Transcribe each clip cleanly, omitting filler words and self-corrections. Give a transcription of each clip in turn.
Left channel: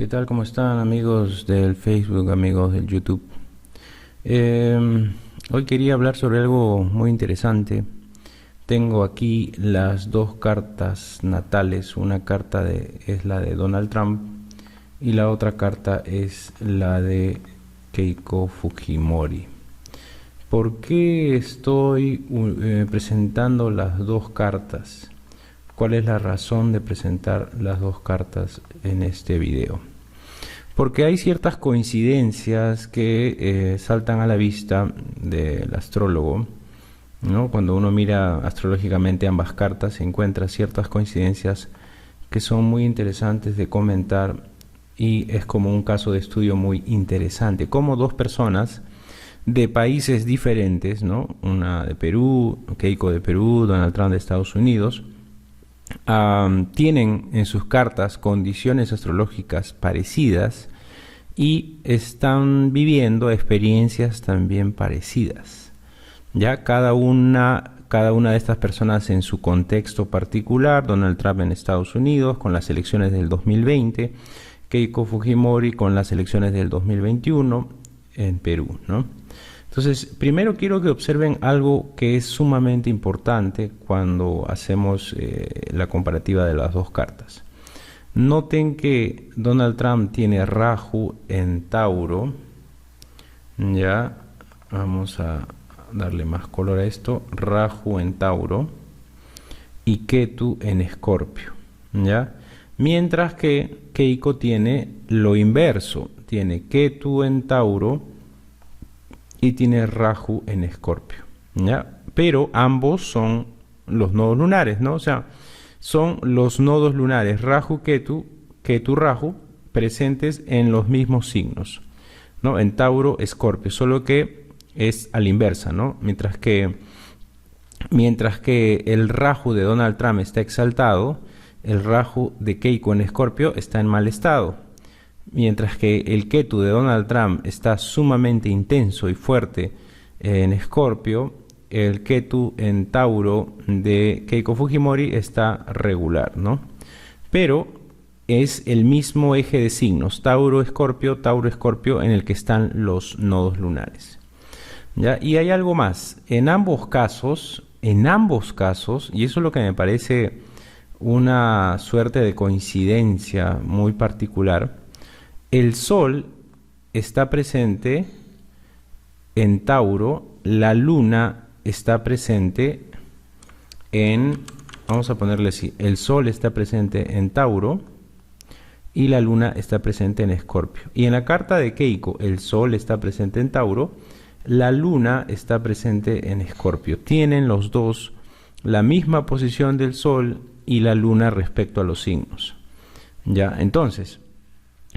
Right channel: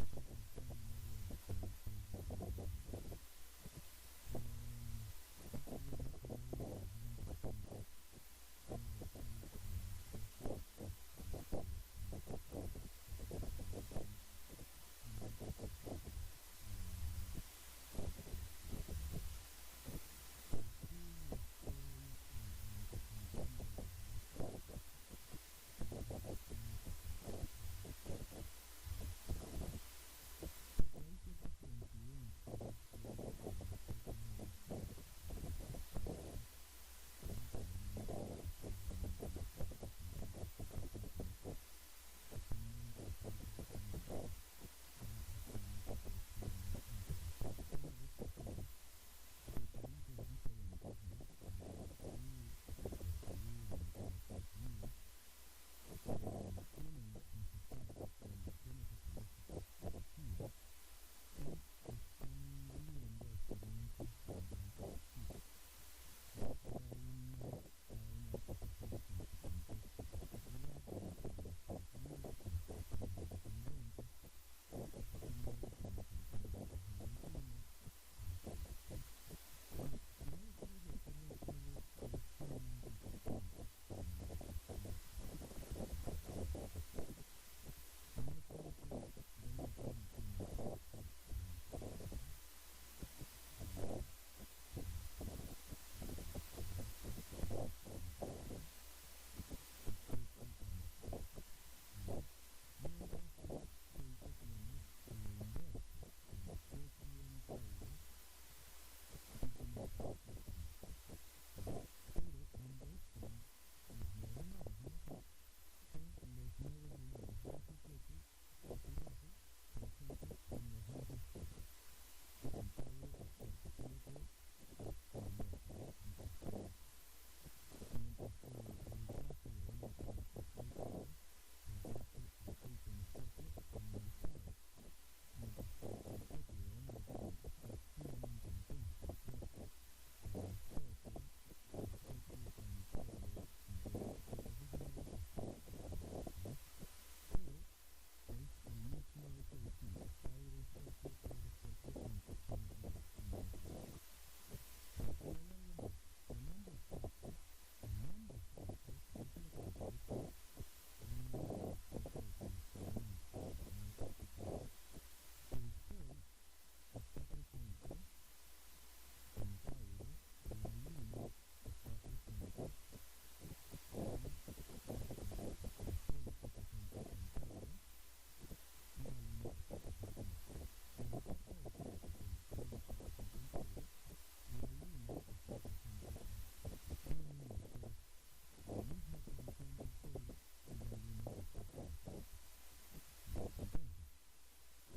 ¿Qué tal? ¿Cómo están amigos del Facebook, amigos del YouTube? Hoy quería hablar sobre algo muy interesante. Tengo aquí las dos cartas natales. Una carta es la de Donald Trump y la otra carta es la de Keiko Fujimori. ¿Por qué estoy presentando las dos cartas? ¿Cuál es la razón de presentar las dos cartas en este video? Porque hay ciertas coincidencias que saltan a la vista del astrólogo, ¿no? Cuando uno mira astrológicamente ambas cartas, se encuentra ciertas coincidencias que son muy interesantes de comentar y es como un caso de estudio muy interesante. Como dos personas de países diferentes, ¿no? Una de Perú, Keiko de Perú, Donald Trump de Estados Unidos, tienen en sus cartas condiciones astrológicas parecidas y están viviendo experiencias también parecidas. Ya cada una de estas personas en su contexto particular: Donald Trump en Estados Unidos con las elecciones del 2020, Keiko Fujimori con las elecciones del 2021 en Perú, ¿no? Entonces, primero quiero que observen algo que es sumamente importante cuando hacemos la comparativa de las dos cartas. Noten que Donald Trump tiene Rahu en Tauro. Ya, vamos a darle más color a esto. Rahu en Tauro y Ketu en Escorpio. Ya, mientras que Keiko tiene lo inverso. Tiene Ketu en Tauro y tiene Rahu en Escorpio, ¿ya? Pero ambos son los nodos lunares, ¿no? O sea, son los nodos lunares Rahu, Ketu, Ketu, Rahu, presentes en los mismos signos, ¿no? En Tauro, Escorpio, solo que es a la inversa, ¿no? Mientras que el Rahu de Donald Trump está exaltado, el Rahu de Keiko en Escorpio está en mal estado. Mientras que el Ketu de Donald Trump está sumamente intenso y fuerte en Escorpio, el Ketu en Tauro de Keiko Fujimori está regular, ¿no? Pero es el mismo eje de signos, Tauro, Escorpio, en el que están los nodos lunares. ¿Ya? Y hay algo más, en ambos casos, y eso es lo que me parece una suerte de coincidencia muy particular, el Sol está presente en Tauro, la Luna está presente vamos a ponerle así, el Sol está presente en Tauro y la Luna está presente en Escorpio. Y en la carta de Keiko, el Sol está presente en Tauro, la Luna está presente en Escorpio. Tienen los dos la misma posición del Sol y la Luna respecto a los signos. Ya, entonces,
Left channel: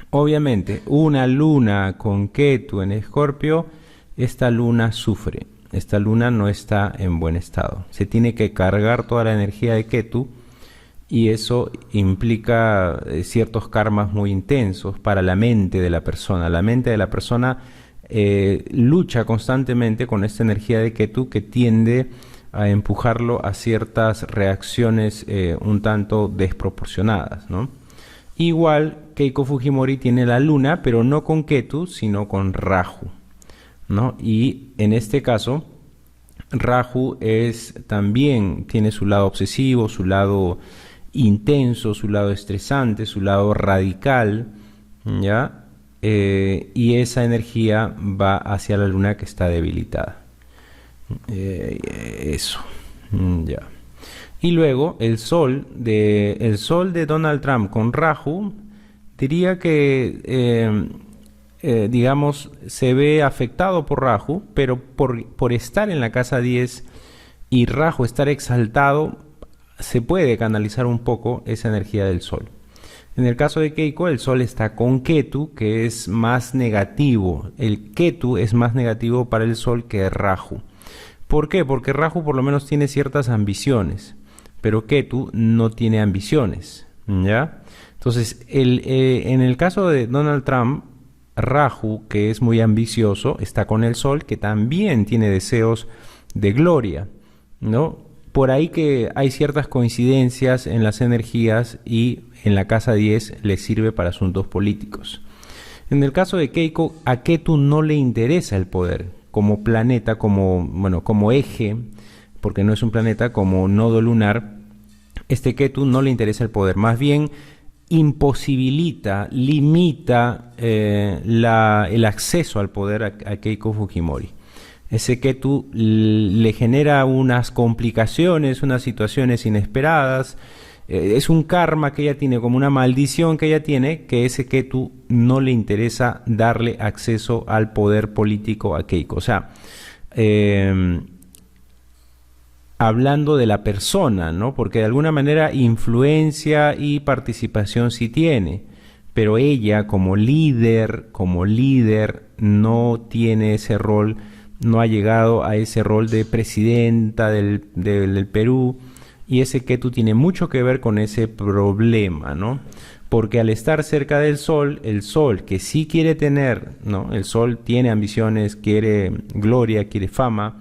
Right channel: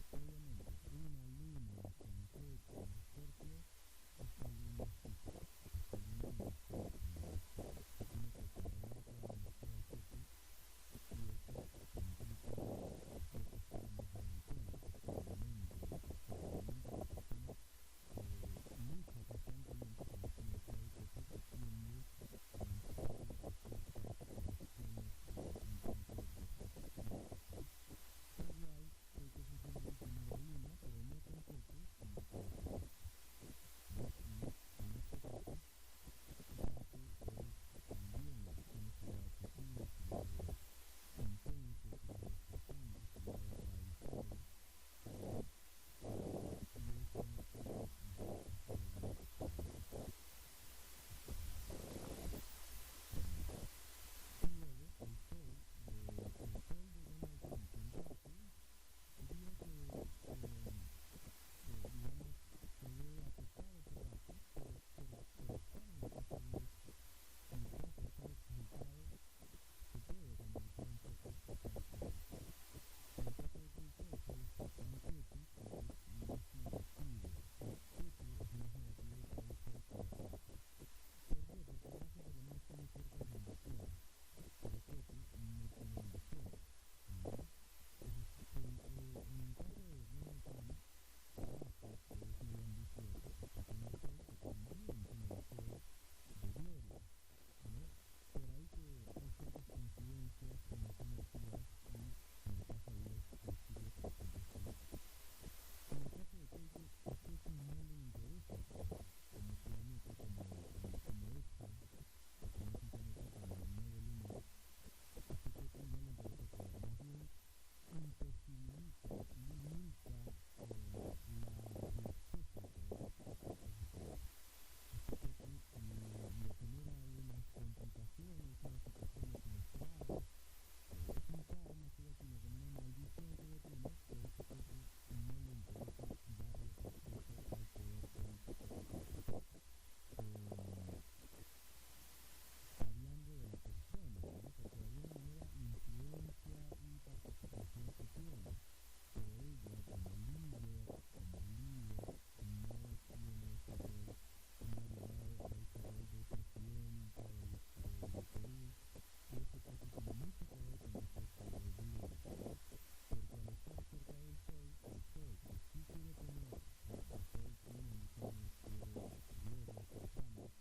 obviamente, una luna con Ketu en Escorpio, esta luna sufre, esta luna no está en buen estado. Se tiene que cargar toda la energía de Ketu y eso implica ciertos karmas muy intensos para la mente de la persona. La mente de la persona lucha constantemente con esta energía de Ketu que tiende a empujarlo a ciertas reacciones un tanto desproporcionadas, ¿no? Igual Keiko Fujimori tiene la Luna, pero no con Ketu, sino con Rahu, ¿no? Y en este caso, Rahu también tiene su lado obsesivo, su lado intenso, su lado estresante, su lado radical, ¿ya? Y esa energía va hacia la Luna que está debilitada. Eso, ya. Y luego el sol de Donald Trump con Rahu, diría que, digamos, se ve afectado por Rahu, pero por estar en la casa 10 y Rahu estar exaltado, se puede canalizar un poco esa energía del sol. En el caso de Keiko, el sol está con Ketu, que es más negativo. El Ketu es más negativo para el sol que Rahu. ¿Por qué? Porque Rahu por lo menos tiene ciertas ambiciones, pero Ketu no tiene ambiciones, ¿ya? Entonces, en el caso de Donald Trump, Rahu, que es muy ambicioso, está con el Sol, que también tiene deseos de gloria, ¿no? Por ahí que hay ciertas coincidencias en las energías y en la casa 10 le sirve para asuntos políticos. En el caso de Keiko, a Ketu no le interesa el poder como planeta, como eje, porque no es un planeta, como nodo lunar. Ketu no le interesa el poder, más bien imposibilita, limita el acceso al poder a Keiko Fujimori. Ese Ketu le genera unas complicaciones, unas situaciones inesperadas. Es un karma que ella tiene, como una maldición que ella tiene, que ese Ketu no le interesa darle acceso al poder político a Keiko. O sea, hablando de la persona, ¿no? Porque de alguna manera influencia y participación sí tiene, pero ella como líder no tiene ese rol, no ha llegado a ese rol de presidenta del Perú, y ese Ketu tiene mucho que ver con ese problema, ¿no? Porque al estar cerca del Sol, el Sol que sí quiere tener, ¿no? El Sol tiene ambiciones, quiere gloria, quiere fama.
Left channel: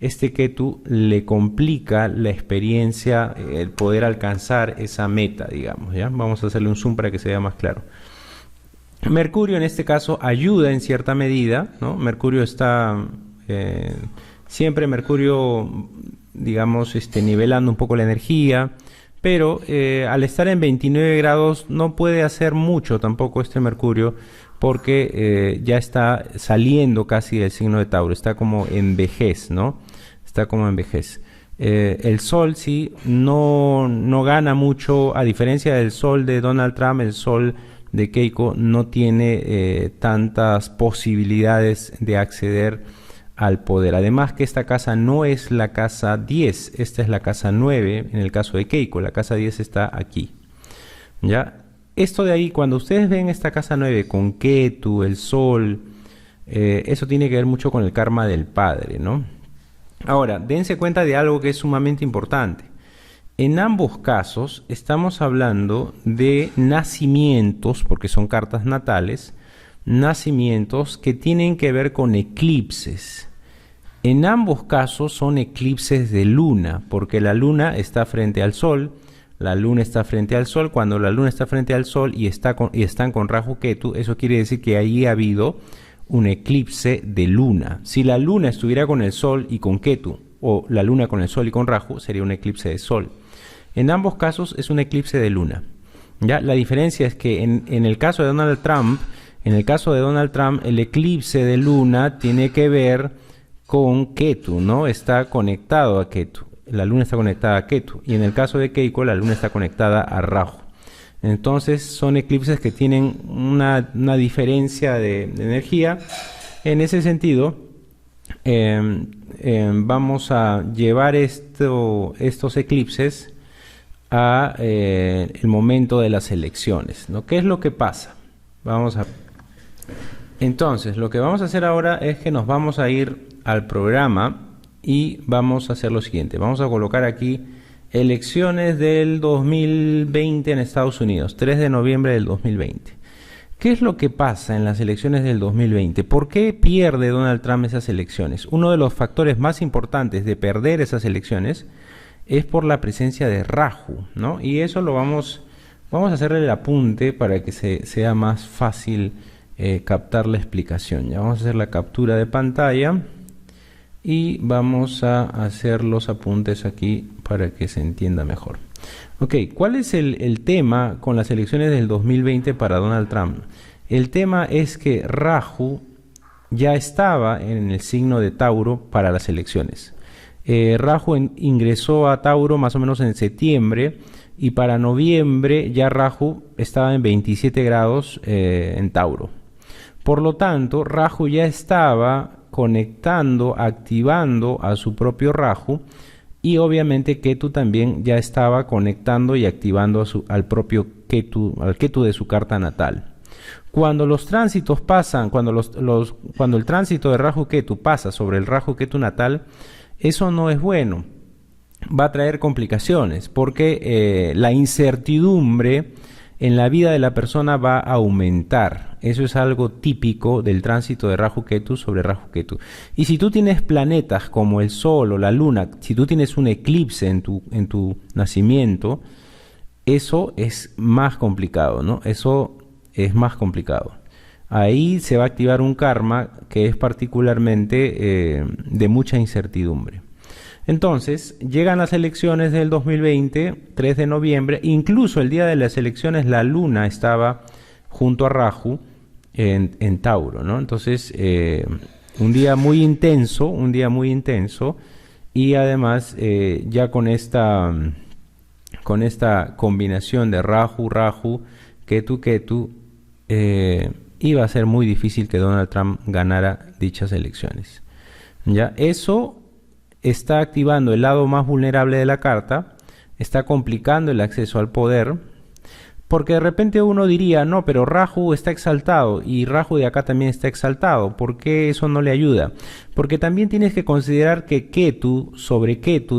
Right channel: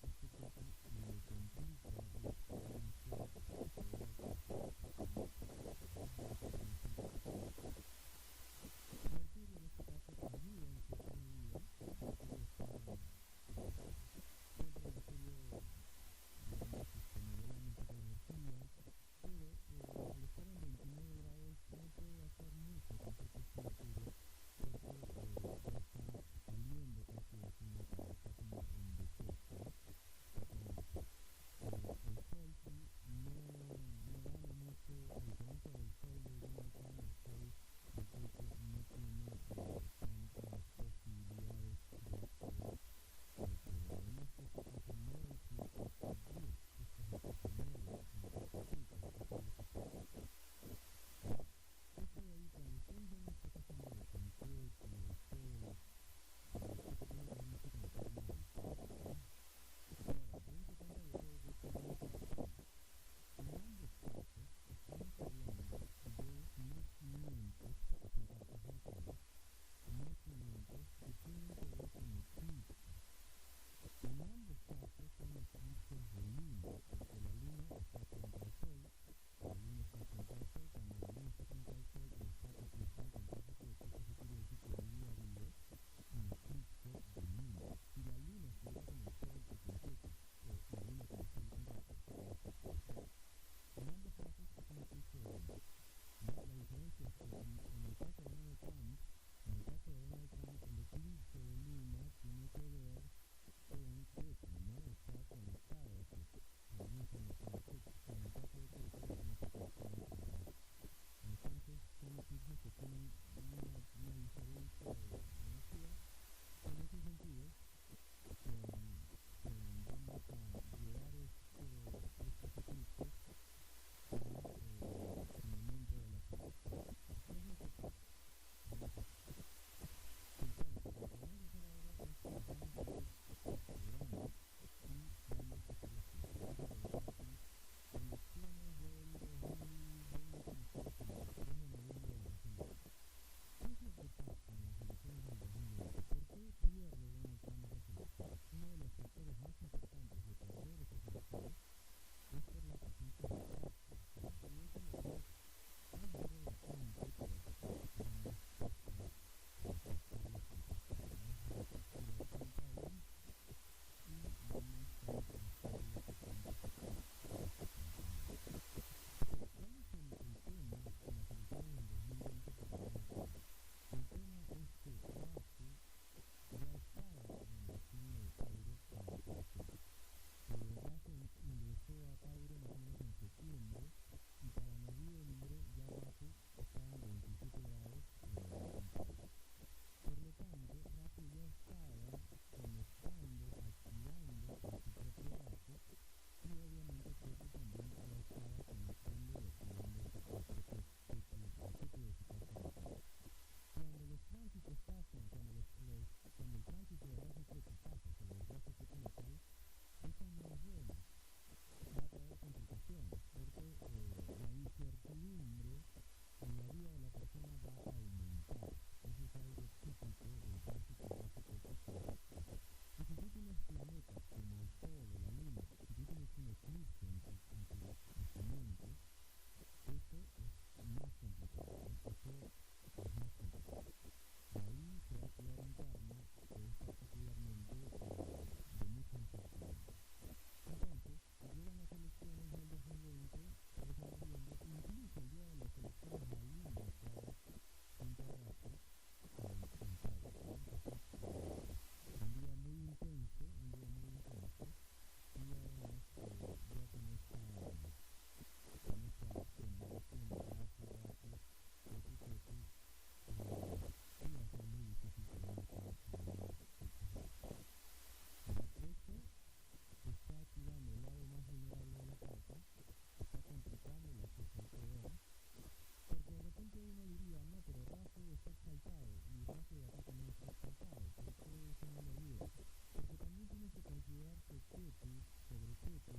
Ketu le complica la experiencia, el poder alcanzar esa meta, digamos, ¿ya? Vamos a hacerle un zoom para que se vea más claro. Mercurio en este caso ayuda en cierta medida, ¿no? Mercurio está, siempre Mercurio, digamos, nivelando un poco la energía, pero al estar en 29 grados no puede hacer mucho tampoco Mercurio, porque ya está saliendo casi del signo de Tauro, está como en vejez, ¿no? Está como en vejez. El Sol sí no gana mucho, a diferencia del Sol de Donald Trump. El Sol de Keiko no tiene tantas posibilidades de acceder al poder. Además que esta casa no es la casa 10, esta es la casa 9 en el caso de Keiko. La casa 10 está aquí, ¿ya? Esto de ahí, cuando ustedes ven esta casa 9 con Ketu, el Sol, eso tiene que ver mucho con el karma del padre, ¿no? Ahora, dense cuenta de algo que es sumamente importante. En ambos casos estamos hablando de nacimientos, porque son cartas natales, nacimientos que tienen que ver con eclipses. En ambos casos son eclipses de luna, porque la luna está frente al Sol. La luna está frente al Sol. Cuando la luna está frente al Sol y están con Rahu Ketu, eso quiere decir que ahí ha habido un eclipse de luna. Si la luna estuviera con el Sol y con Ketu, o la luna con el Sol y con Rahu, sería un eclipse de Sol. En ambos casos es un eclipse de luna. ¿Ya? La diferencia es que en el caso de Donald Trump, el eclipse de luna tiene que ver con Ketu, ¿no? Está conectado a Ketu. La luna está conectada a Ketu. Y en el caso de Keiko, la luna está conectada a Rahu. Entonces son eclipses que tienen una diferencia de energía. En ese sentido, vamos a llevar estos eclipses a el momento de las elecciones, ¿no? ¿Qué es lo que pasa? Entonces, lo que vamos a hacer ahora es que nos vamos a ir al programa y vamos a hacer lo siguiente. Vamos a colocar aquí elecciones del 2020 en Estados Unidos, 3 de noviembre del 2020. ¿Qué es lo que pasa en las elecciones del 2020? ¿Por qué pierde Donald Trump esas elecciones? Uno de los factores más importantes de perder esas elecciones es por la presencia de Rahu, ¿no? Y eso lo vamos a hacerle el apunte para que sea más fácil captar la explicación. Ya vamos a hacer la captura de pantalla y vamos a hacer los apuntes aquí para que se entienda mejor. Ok, ¿cuál es el tema con las elecciones del 2020 para Donald Trump? El tema es que Rahu ya estaba en el signo de Tauro para las elecciones. Rahu ingresó a Tauro más o menos en septiembre, y para noviembre ya Rahu estaba en 27 grados en Tauro. Por lo tanto, Rahu ya estaba conectando, activando a su propio Rahu, y obviamente Ketu también ya estaba conectando y activando al propio Ketu, al Ketu de su carta natal. Cuando los tránsitos pasan, cuando el tránsito de Rahu Ketu pasa sobre el Rahu Ketu natal, eso no es bueno. Va a traer complicaciones porque la incertidumbre en la vida de la persona va a aumentar. Eso es algo típico del tránsito de Rahu Ketu sobre Rahu Ketu. Y si tú tienes planetas como el Sol o la Luna, si tú tienes un eclipse en tu nacimiento, eso es más complicado, ¿no? Eso es más complicado. Ahí se va a activar un karma que es particularmente de mucha incertidumbre. Entonces, llegan las elecciones del 2020, 3 de noviembre, incluso el día de las elecciones la luna estaba junto a Rahu en Tauro, ¿no? Entonces, un día muy intenso, y además ya con esta combinación de Rahu, Rahu, Ketu, Ketu, iba a ser muy difícil que Donald Trump ganara dichas elecciones. ¿Ya? Eso está activando el lado más vulnerable de la carta, está complicando el acceso al poder, porque de repente uno diría, no, pero Rahu está exaltado y Rahu de acá también está exaltado, ¿por qué eso no le ayuda? Porque también tienes que considerar que Ketu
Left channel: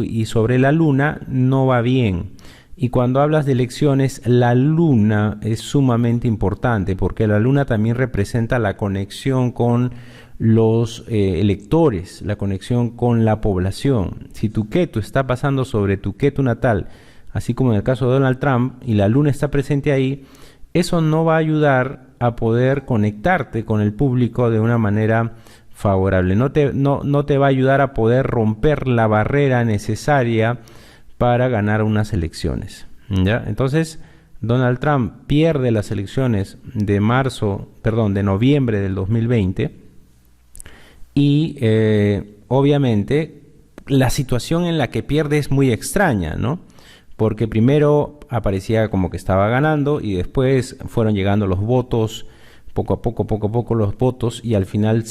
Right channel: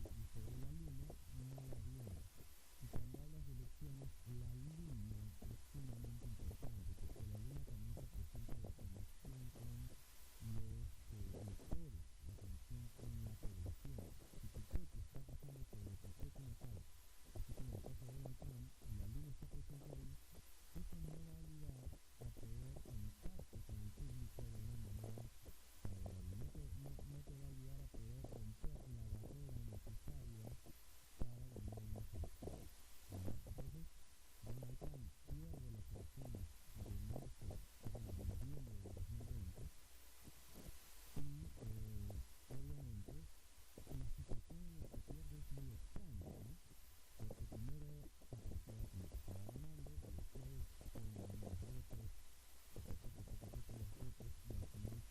y sobre la luna no va bien. Y cuando hablas de elecciones, la luna es sumamente importante, porque la luna también representa la conexión con los electores, la conexión con la población. Si tu Ketu está pasando sobre tu Ketu natal, así como en el caso de Donald Trump, y la luna está presente ahí, eso no va a ayudar a poder conectarte con el público de una manera favorable. No te va a ayudar a poder romper la barrera necesaria para ganar unas elecciones, ¿ya? Entonces, Donald Trump pierde las elecciones de noviembre del 2020, y obviamente la situación en la que pierde es muy extraña, ¿no? Porque primero aparecía como que estaba ganando y después fueron llegando los votos, poco a poco los votos, y al final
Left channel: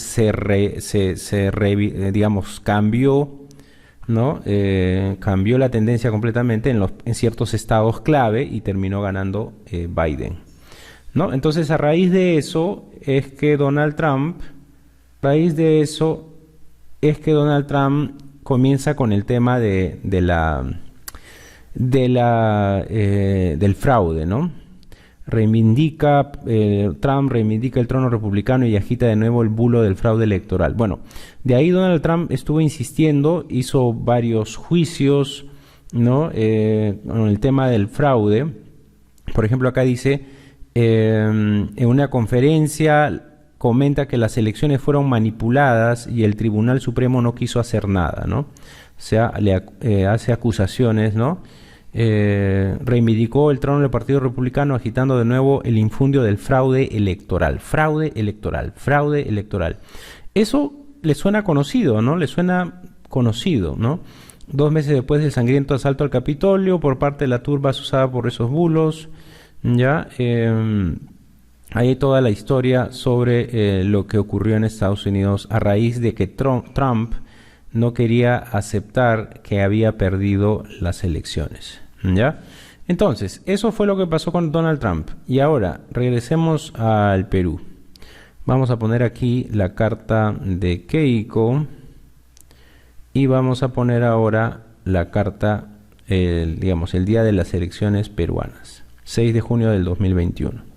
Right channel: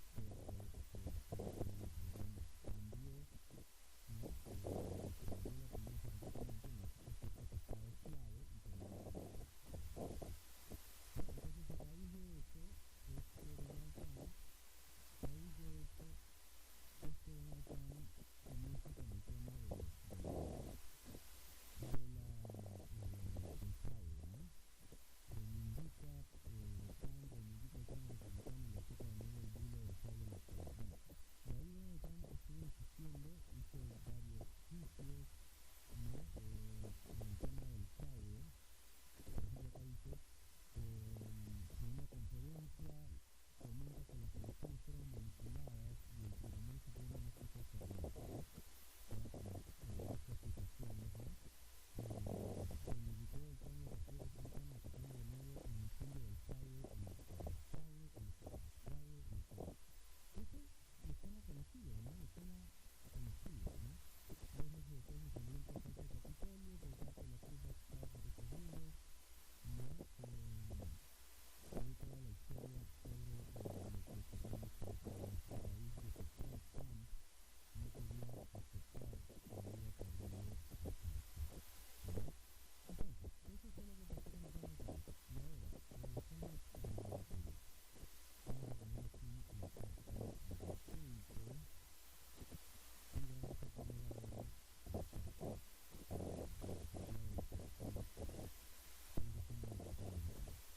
digamos, cambió, ¿no? Cambió la tendencia completamente en ciertos estados clave y terminó ganando Biden, ¿no? Entonces, a raíz de eso es que Donald Trump comienza con el tema del fraude, ¿no? Trump reivindica el trono republicano y agita de nuevo el bulo del fraude electoral. Bueno, de ahí Donald Trump estuvo insistiendo, hizo varios juicios, ¿no? Con el tema del fraude. Por ejemplo, acá dice, en una conferencia comenta que las elecciones fueron manipuladas y el Tribunal Supremo no quiso hacer nada, ¿no? O sea, hace acusaciones, ¿no? Reivindicó el trono del Partido Republicano agitando de nuevo el infundio del fraude electoral. Fraude electoral, fraude electoral. Eso le suena conocido, ¿no? Le suena conocido, ¿no? 2 meses después del sangriento asalto al Capitolio por parte de la turba asusada por esos bulos, ¿ya? Hay toda la historia sobre lo que ocurrió en Estados Unidos a raíz de que Trump no quería aceptar que había perdido las elecciones, ¿ya? Entonces, eso fue lo que pasó con Donald Trump. Y ahora, regresemos al Perú. Vamos a poner aquí la carta de Keiko y vamos a poner ahora la carta, digamos, el día de las elecciones peruanas, 6 de junio del 2021.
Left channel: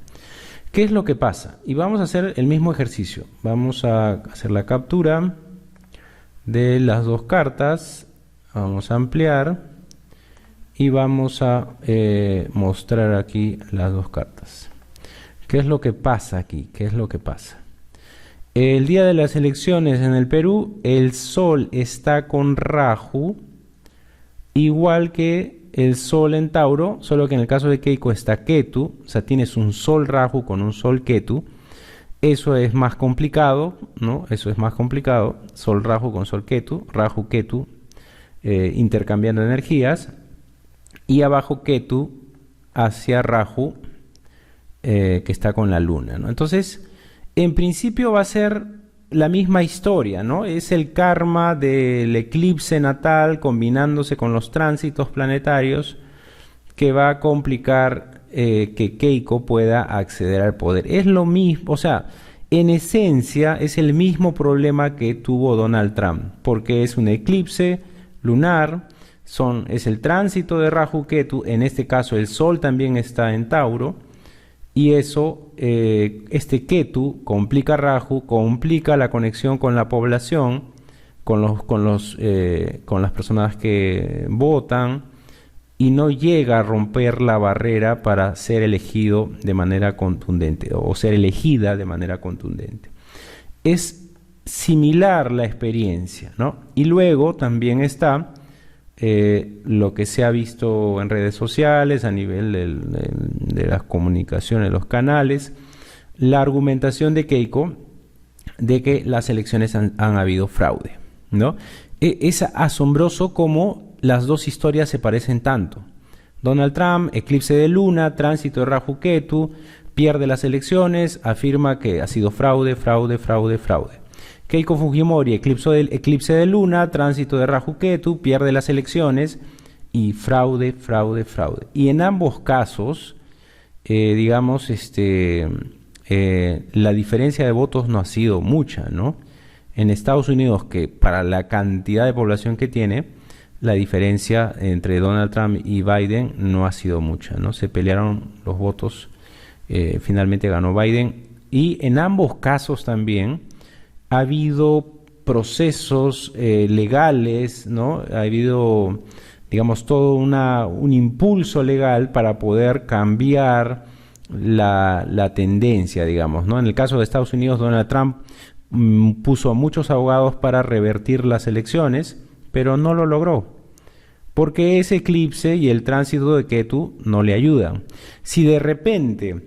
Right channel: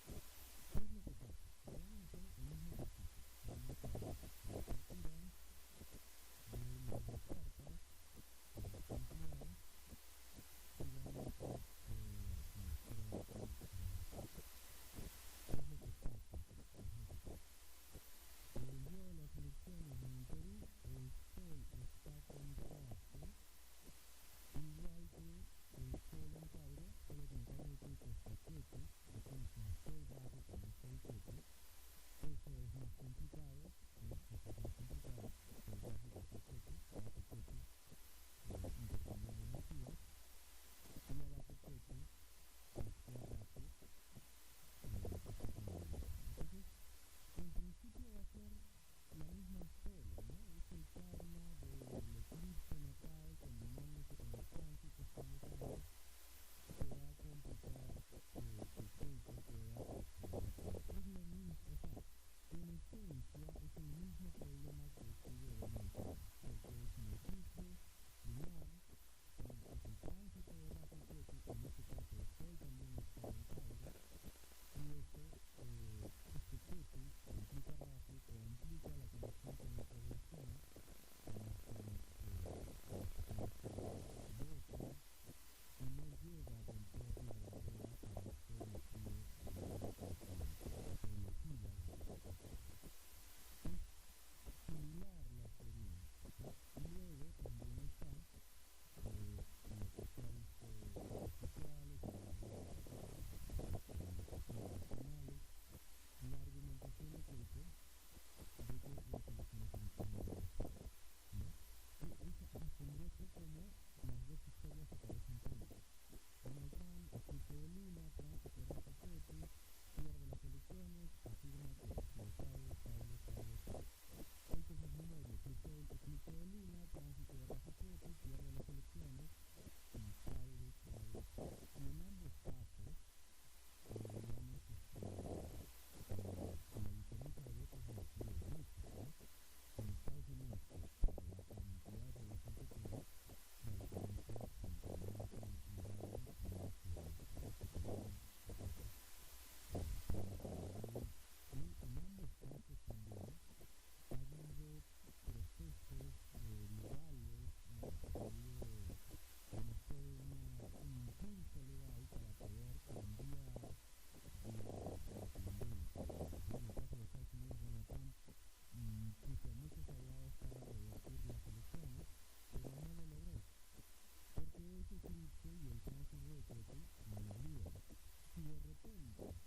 ¿Qué es lo que pasa? Y vamos a hacer el mismo ejercicio. Vamos a hacer la captura de las dos cartas, vamos a ampliar y vamos a mostrar aquí las dos cartas. ¿Qué es lo que pasa aquí? ¿Qué es lo que pasa? El día de las elecciones en el Perú, el Sol está con Rahu, igual que el Sol en Tauro, solo que en el caso de Keiko está Ketu, o sea, tienes un Sol Rahu con un Sol Ketu. Eso es más complicado, ¿no? Eso es más complicado. Sol Rahu con Sol Ketu, Rahu Ketu, intercambiando energías. Y abajo Ketu hacia Rahu, que está con la Luna, ¿no? Entonces, en principio va a ser la misma historia, ¿no? Es el karma del eclipse natal combinándose con los tránsitos planetarios que va a complicar que Keiko pueda acceder al poder. Es lo mismo, o sea, en esencia es el mismo problema que tuvo Donald Trump, porque es un eclipse lunar, es el tránsito de Rahu Ketu, en este caso el Sol también está en Tauro, y eso, este Ketu complica Rahu, complica la conexión con la población, con las personas que votan, y no llega a romper la barrera para ser elegido de manera contundente o ser elegida de manera contundente. Es similar la experiencia, ¿no? Y luego también está lo que se ha visto en redes sociales, a nivel de las comunicaciones, los canales, la argumentación de Keiko de que las elecciones han habido fraude, ¿no? Es asombroso cómo las dos historias se parecen tanto. Donald Trump, eclipse de luna, tránsito de Rahu Ketu, pierde las elecciones, afirma que ha sido fraude, fraude, fraude, fraude. Keiko Fujimori, eclipse de luna, tránsito de Rahu Ketu, pierde las elecciones y fraude, fraude, fraude. Y en ambos casos, digamos, la diferencia de votos no ha sido mucha, ¿no? En Estados Unidos, que para la cantidad de población que tiene, la diferencia entre Donald Trump y Biden no ha sido mucha, ¿no? Se pelearon los votos, finalmente ganó Biden. Y en ambos casos también ha habido procesos legales, ¿no? Ha habido, digamos, todo un impulso legal para poder cambiar la tendencia, digamos, ¿no? En el caso de Estados Unidos, Donald Trump puso a muchos abogados para revertir las elecciones, pero no lo logró, porque ese eclipse y el tránsito de Ketu no le ayudan. Si de repente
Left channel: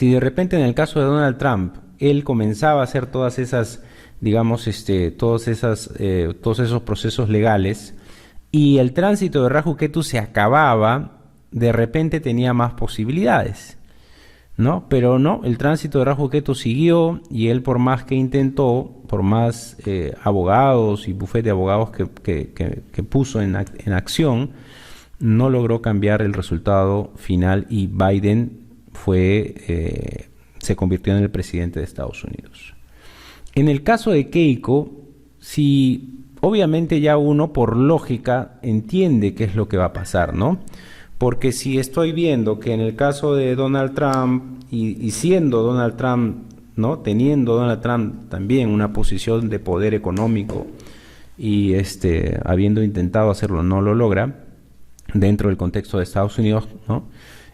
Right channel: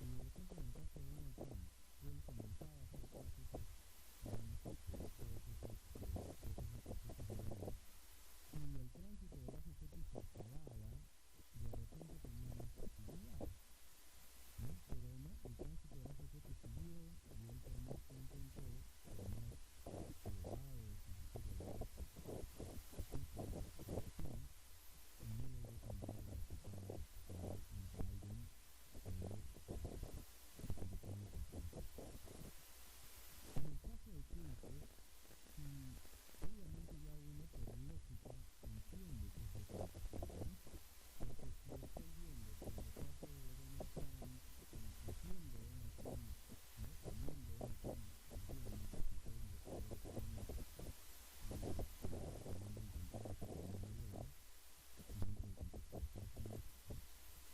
en el caso de Donald Trump, él comenzaba a hacer todas esas, digamos, todos esos procesos legales, y el tránsito de Rahu Ketu se acababa, de repente tenía más posibilidades, ¿no? Pero no, el tránsito de Rahu Ketu siguió, y él, por más que intentó, por más abogados y bufete de abogados que puso en acción, no logró cambiar el resultado final, y Biden se convirtió en el presidente de Estados Unidos. En el caso de Keiko, si obviamente ya uno por lógica entiende qué es lo que va a pasar, ¿no? Porque si estoy viendo que en el caso de Donald Trump, y siendo Donald Trump, ¿no? Teniendo Donald Trump también una posición de poder económico, y habiendo intentado hacerlo no lo logra dentro del contexto de Estados Unidos, ¿no?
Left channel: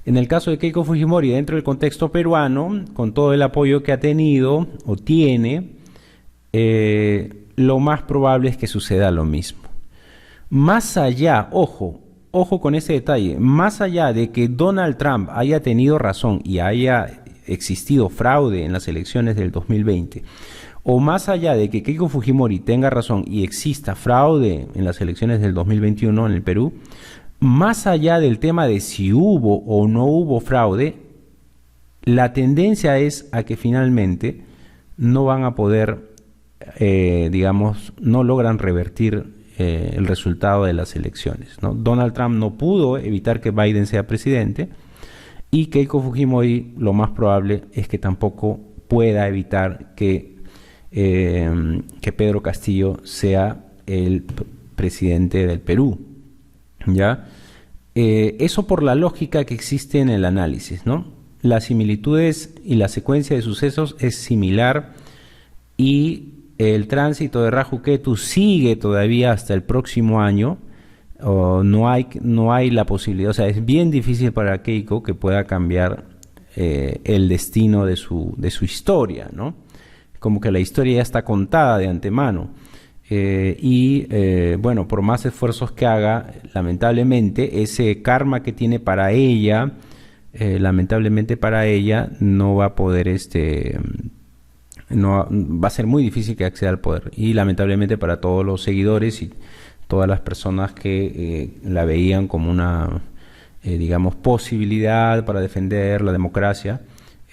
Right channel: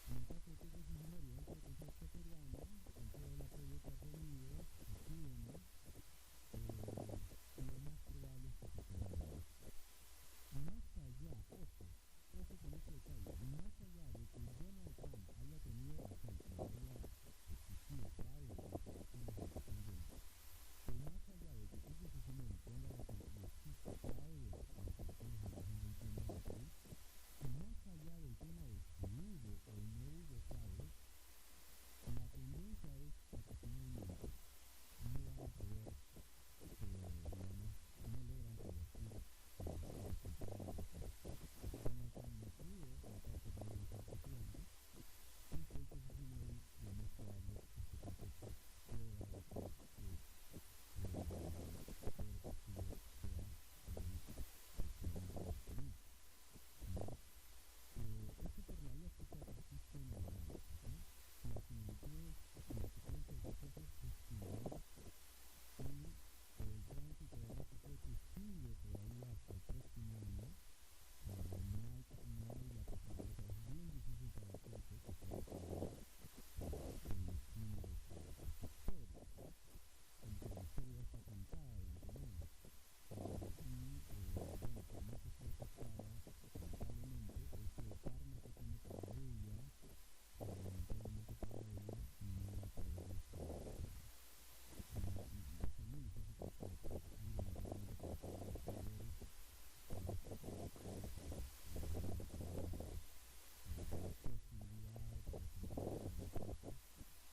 En el caso de Keiko Fujimori, dentro del contexto peruano, con todo el apoyo que ha tenido o tiene, lo más probable es que suceda lo mismo. Más allá, ojo con ese detalle, más allá de que Donald Trump haya tenido razón y haya existido fraude en las elecciones del 2020, o más allá de que Keiko Fujimori tenga razón y exista fraude en las elecciones del 2021 en el Perú, más allá del tema de si hubo o no hubo fraude, la tendencia es a que finalmente no van a poder, digamos, no logran revertir el resultado de las elecciones, ¿no? Donald Trump no pudo evitar que Biden sea presidente, y Keiko Fujimori lo más probable es que tampoco pueda evitar que Pedro Castillo sea el presidente del Perú, ¿ya? Eso por la lógica que existe en el análisis, ¿no? Las similitudes y la secuencia de sucesos es similar, y el tránsito de Rahu Ketu sigue todavía hasta el próximo año. No hay la posibilidad, o sea, es bien difícil para Keiko que pueda cambiar el destino de su historia, ¿no? Como que la historia ya está contada de antemano. Bueno, por más esfuerzos que haga, lamentablemente ese karma que tiene para ella, lamentablemente para ella no va a poder, no va a ser muy difícil que acceda al poder, y lamentablemente para todos los seguidores y todas las personas que la veían como una, digamos, posibilidad para defender la democracia,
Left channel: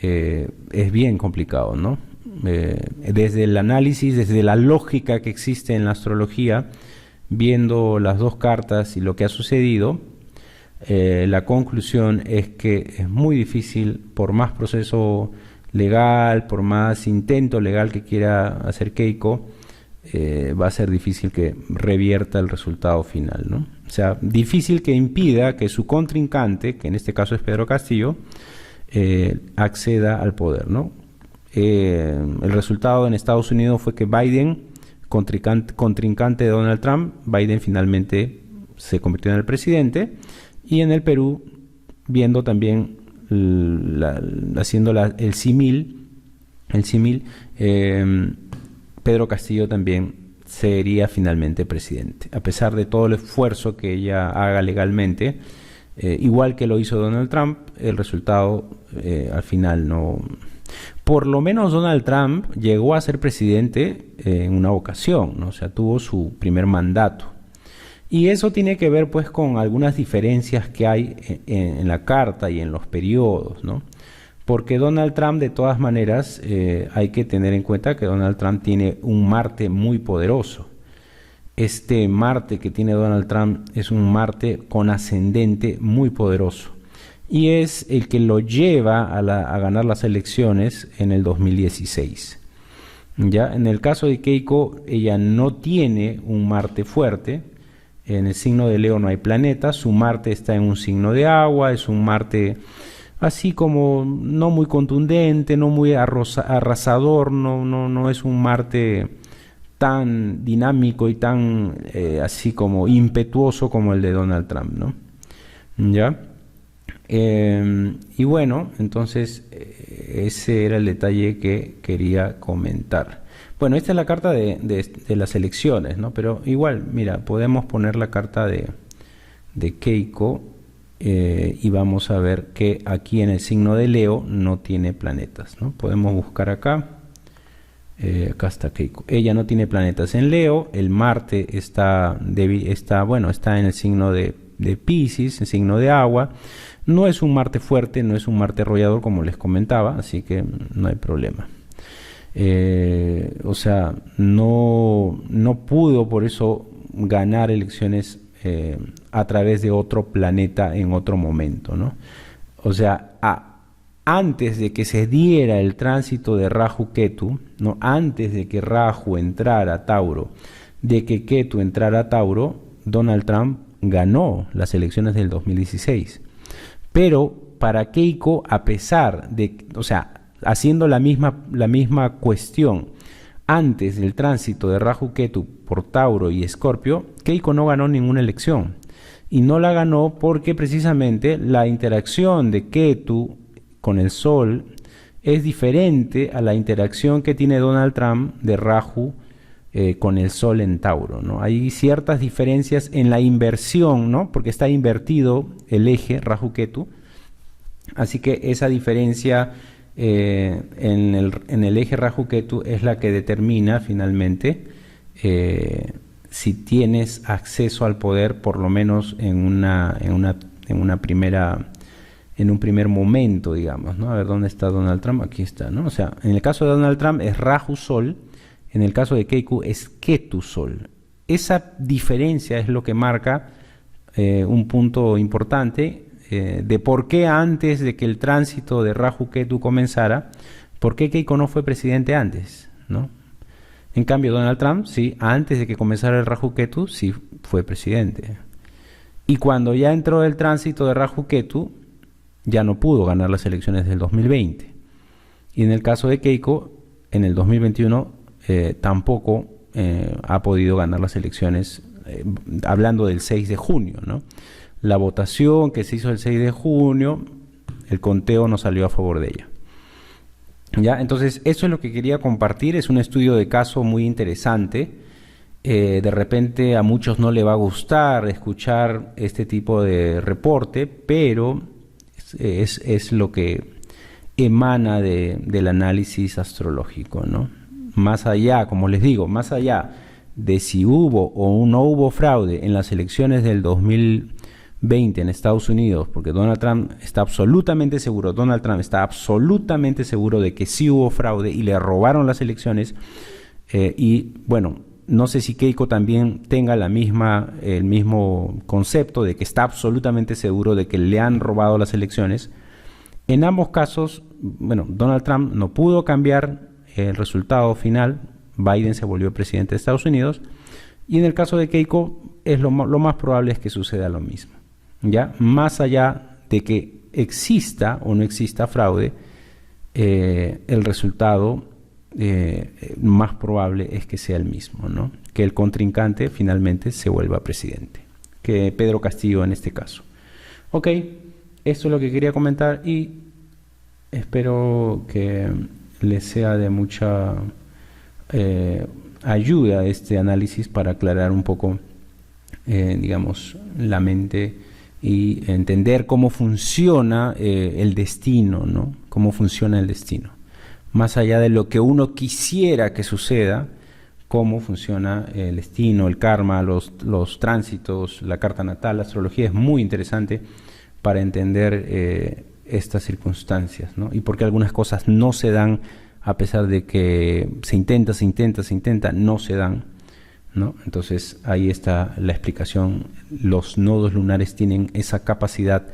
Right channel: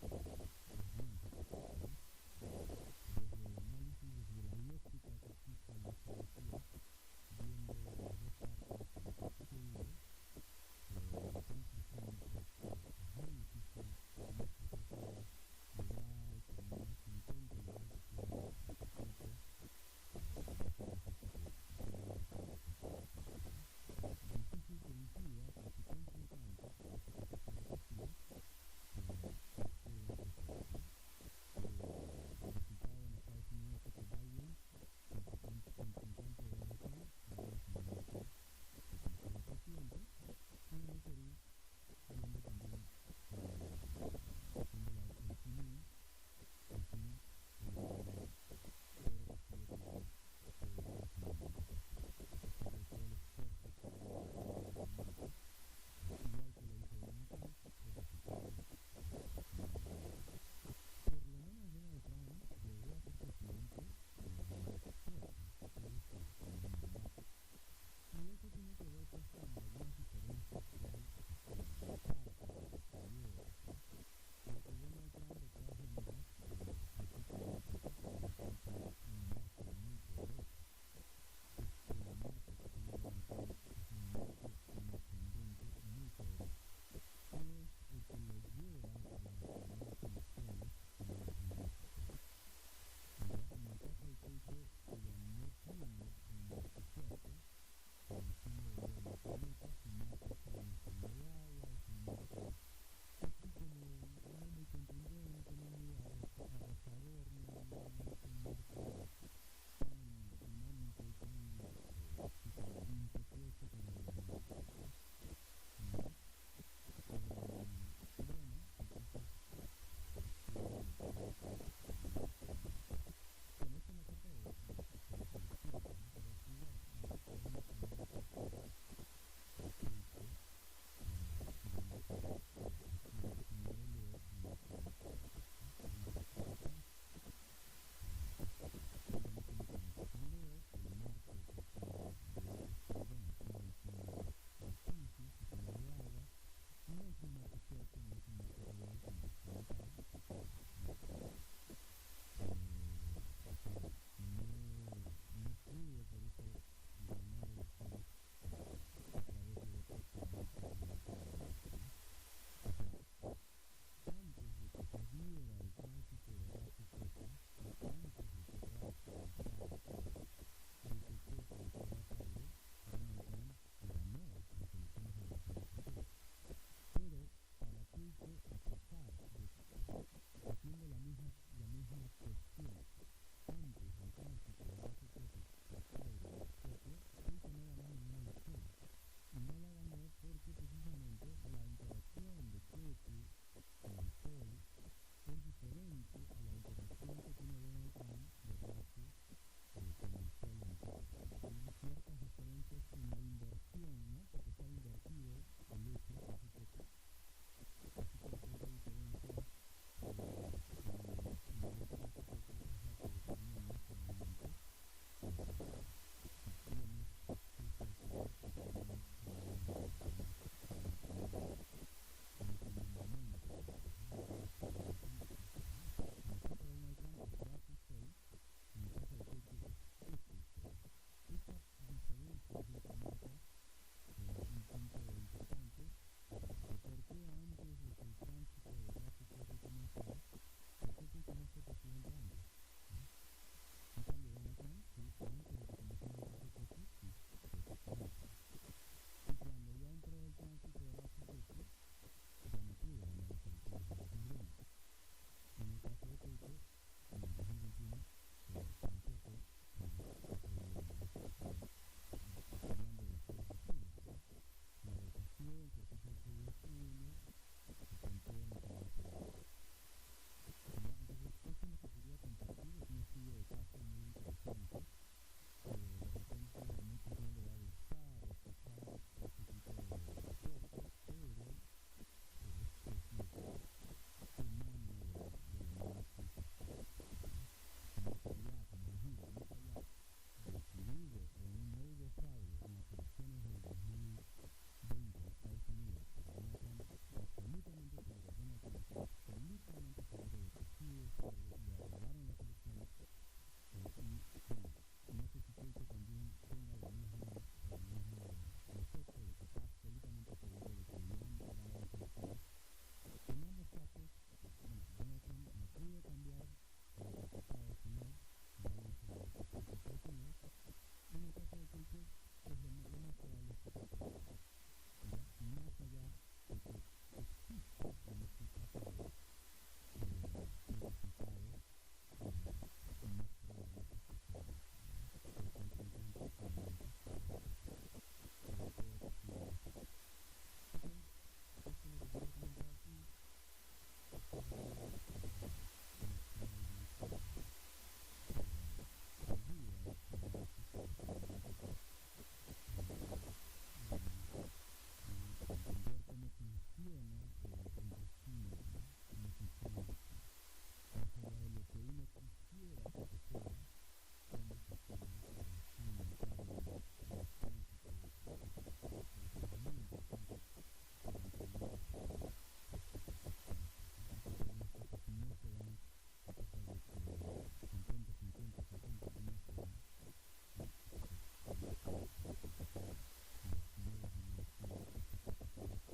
es bien complicado, ¿no? Desde el análisis, desde la lógica que existe en la astrología, viendo las dos cartas y lo que ha sucedido, la conclusión es que es muy difícil, por más proceso legal, por más intento legal que quiera hacer Keiko, va a ser difícil que revierta el resultado final, ¿no? O sea, difícil que impida que su contrincante, que en este caso es Pedro Castillo, acceda al poder, ¿no? El resultado en Estados Unidos fue que Biden, contrincante de Donald Trump, Biden finalmente se convirtió en el presidente, Y en el Perú, viendo también, haciendo el símil, Pedro Castillo también sería finalmente presidente, a pesar de todo el esfuerzo que ella haga legalmente. Igual que lo hizo Donald Trump, el resultado al final no... Por lo menos Donald Trump llegó a ser presidente en una ocasión, ¿no? O sea, tuvo su primer mandato. Y eso tiene que ver pues con algunas diferencias que hay en la carta y en los periodos, ¿no? Porque Donald Trump, de todas maneras, hay que tener en cuenta que Donald Trump tiene un Marte muy poderoso. Este Marte que tiene Donald Trump es un Marte con ascendente muy poderoso. Y es el que lo lleva a ganar las elecciones en el 2016. ¿Ya? En el caso de Keiko, ella no tiene un Marte fuerte. En el signo de Leo no hay planetas. Su Marte está en un signo de agua. Es un Marte así como no muy contundente, no muy arrasador. No es un Marte tan dinámico y tan así como impetuoso como el de Donald Trump, ¿no? ¿Ya? Y bueno, entonces ese era el detalle que quería comentar. Bueno, esta es la carta de las elecciones, ¿no? Pero igual, mira, podemos poner la carta de Keiko y vamos a ver que aquí en el signo de Leo no tiene planetas, ¿no? Podemos buscar acá. Acá está Keiko. Ella no tiene planetas en Leo. El Marte está en el signo de Piscis, en signo de agua. No es un Marte fuerte, no es un Marte arrollador como les comentaba, así que no hay problema. O sea, no pudo por eso ganar elecciones a través de otro planeta en otro momento, ¿no? O sea, antes de que se diera el tránsito de Rahu Ketu, ¿no? Antes de que Rahu entrara a Tauro, de que Ketu entrara a Tauro, Donald Trump ganó las elecciones del 2016. Pero para Keiko, a pesar de, o sea, haciendo la misma cuestión, antes del tránsito de Rahu Ketu por Tauro y Escorpio, Keiko no ganó ninguna elección. Y no la ganó porque precisamente la interacción de Ketu con el Sol es diferente a la interacción que tiene Donald Trump de Rahu con el Sol en Tauro, ¿no? Hay ciertas diferencias en la inversión, ¿no? Porque está invertido el eje Rahu-Ketu, así que esa diferencia en el eje Rahu-Ketu es la que determina finalmente si tienes acceso al poder, por lo menos en un primer momento, digamos, ¿no? A ver, ¿dónde está Donald Trump? Aquí está, ¿no? O sea, en el caso de Donald Trump es Rahu-Sol. En el caso de Keiko es Ketu-Sol. Esa diferencia es lo que marca un punto importante de por qué antes de que el tránsito de Rahu-Ketu comenzara, por qué Keiko no fue presidente antes, ¿no? En cambio, Donald Trump, sí, antes de que comenzara el Rahu-Ketu, sí fue presidente. Y cuando ya entró el tránsito de Rahu-Ketu, ya no pudo ganar las elecciones del 2020. Y en el caso de Keiko, en el 2021, tampoco ha podido ganar las elecciones, hablando del 6 de junio, ¿no? La votación que se hizo el 6 de junio, el conteo no salió a favor de ella. ¿Ya? Entonces, eso es lo que quería compartir. Es un estudio de caso muy interesante. De repente a muchos no le va a gustar escuchar este tipo de reporte, pero es lo que emana del análisis astrológico, ¿no? Más allá, como les digo, más allá de si hubo o no hubo fraude en las elecciones del 2020 en Estados Unidos, porque Donald Trump está absolutamente seguro de que sí hubo fraude y le robaron las elecciones, y bueno, no sé si Keiko también tenga el mismo concepto de que está absolutamente seguro de que le han robado las elecciones. En ambos casos, bueno, Donald Trump no pudo cambiar el resultado final. Biden se volvió presidente de Estados Unidos, y en el caso de Keiko lo más probable es que suceda lo mismo, ¿ya? Más allá de que exista o no exista fraude, el resultado más probable es que sea el mismo, ¿no? Que el contrincante finalmente se vuelva presidente, que Pedro Castillo en este caso. Ok, esto es lo que quería comentar y espero que les sea de mucha ayuda este análisis para aclarar un poco, digamos, la mente y entender cómo funciona el destino, ¿no? Cómo funciona el destino. Más allá de lo que uno quisiera que suceda, cómo funciona el destino, el karma, los tránsitos, la carta natal, la astrología es muy interesante para entender estas circunstancias, ¿no? Y por qué algunas cosas no se dan a pesar de que se intenta, no se dan, ¿no? Entonces ahí está la explicación. Los nodos lunares tienen esa capacidad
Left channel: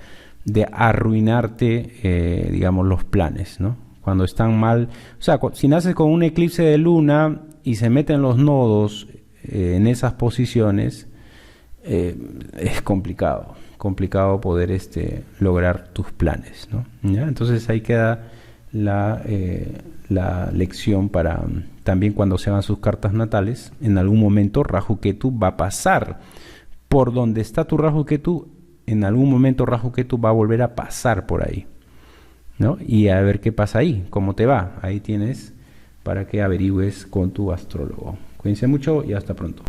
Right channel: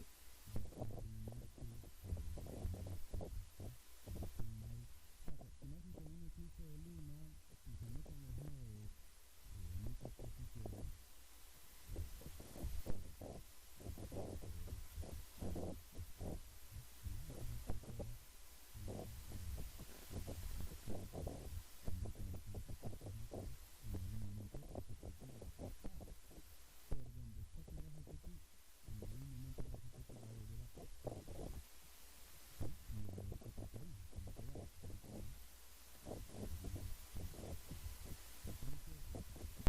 de arruinarte, digamos, los planes, ¿no? Cuando están mal, o sea, si naces con un eclipse de luna y se meten los nodos en esas posiciones, es complicado poder lograr tus planes, ¿no? ¿Ya? Entonces ahí queda la lección para también cuando se hagan sus cartas natales, en algún momento Rahu Ketu va a pasar por donde está tu Rahu Ketu, en algún momento Rahu Ketu va a volver a pasar por ahí, ¿no? Y a ver qué pasa ahí, cómo te va. Ahí tienes para que averigües con tu astrólogo. Cuídense mucho y hasta pronto.